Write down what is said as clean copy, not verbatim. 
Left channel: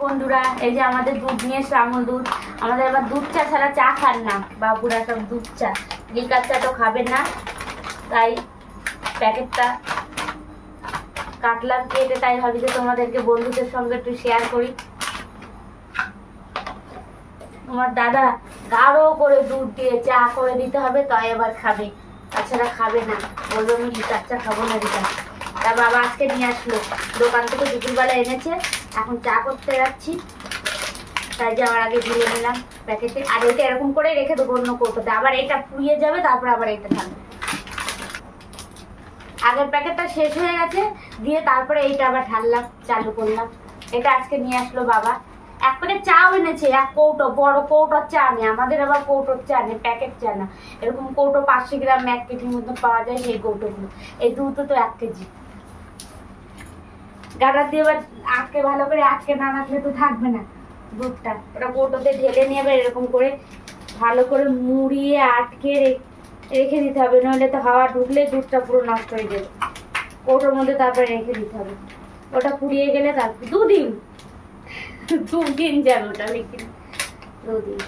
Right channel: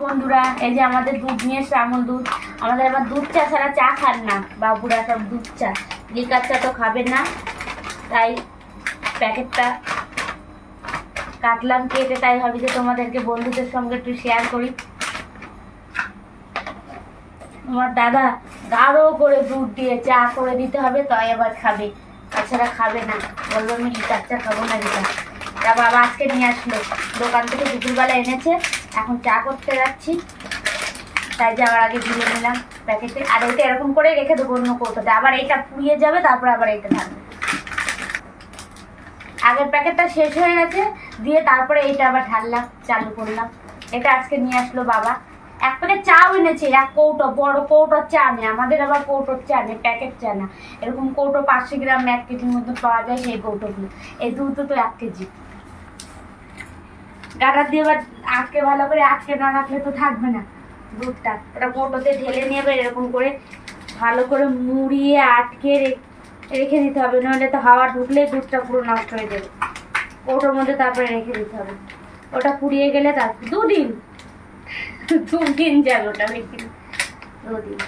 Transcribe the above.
বন্ধুরা, এই যে আমাদের দুধ নিয়ে এসে আমুল দুধ। আমাদের আবার দুধ চা ছাড়া চা খান না বাবুরা, সব দুধ চা, লিকার চা তো খাবে না, তাই প্যাকেটটা কাটলাম কেটে। তাই ভাবি যে তোমাদেরকে বন্ধুদের সঙ্গে একটু শেয়ার করি। তোমার দাদা গাঢ় করে দুধ দিয়ে চা করে দিতে হবে, তাই আবার খাবে, তাছাড়া খাবে না। বলবো আমি লিকার চা খাবো না লিকার। তা বাবা আজকে নিয়ে আসলো দোকান থেকে, দুপুরবেলা এনেছে, এখন চা করতে যাচ্ছি, তাই যাওয়ার আগে ঢেলে নিলাম প্যাকেটে। আর ওইটা এরকম করে রেখে দেবো অন্য কৌটোতে, আবার এটা পুড়িয়ে যাবে, তারপর আবার এটা থাকবে। আগের প্যাকেটটা শেষ হয়ে গেছে, দিয়ে তারপরে এইটা আবার ঢাললাম, চালু করলাম। এটা আজকে নিয়ে আসলো বাবা। এক প্যাকেট চাও এনেছে, এক কৌটো, বড় কৌটোর চা নেই আমাদের, আবার কৌটোর চা নেই, প্যাকেট চা না, এরকম কৌটো 500 গ্রাম 1 কেজির মধ্যে পাওয়া যায়, সেই কৌটোগুলো। এই দুধ তো 1 কেজি। গাটার দিয়ে এবার আটকে, ভালো করে আটকে না রাখলে তো থাকবে না দুধটা। এটা কৌটোতে ঢেলে নিয়ে এবার এরকম করে ভালো করে মুড়িয়ে আটকে রেখে দিতে হবে, নইলে তো হাওয়া ঢুকলে দুধটা পুরো নষ্ট হয়ে যাবে। কৌটোর মধ্যে তারপরে রেখে দিতে হবে। ওটা পুড়িয়ে গেলে তারপর 2 দিন যাবে, ওটা বেশি 2 দিন।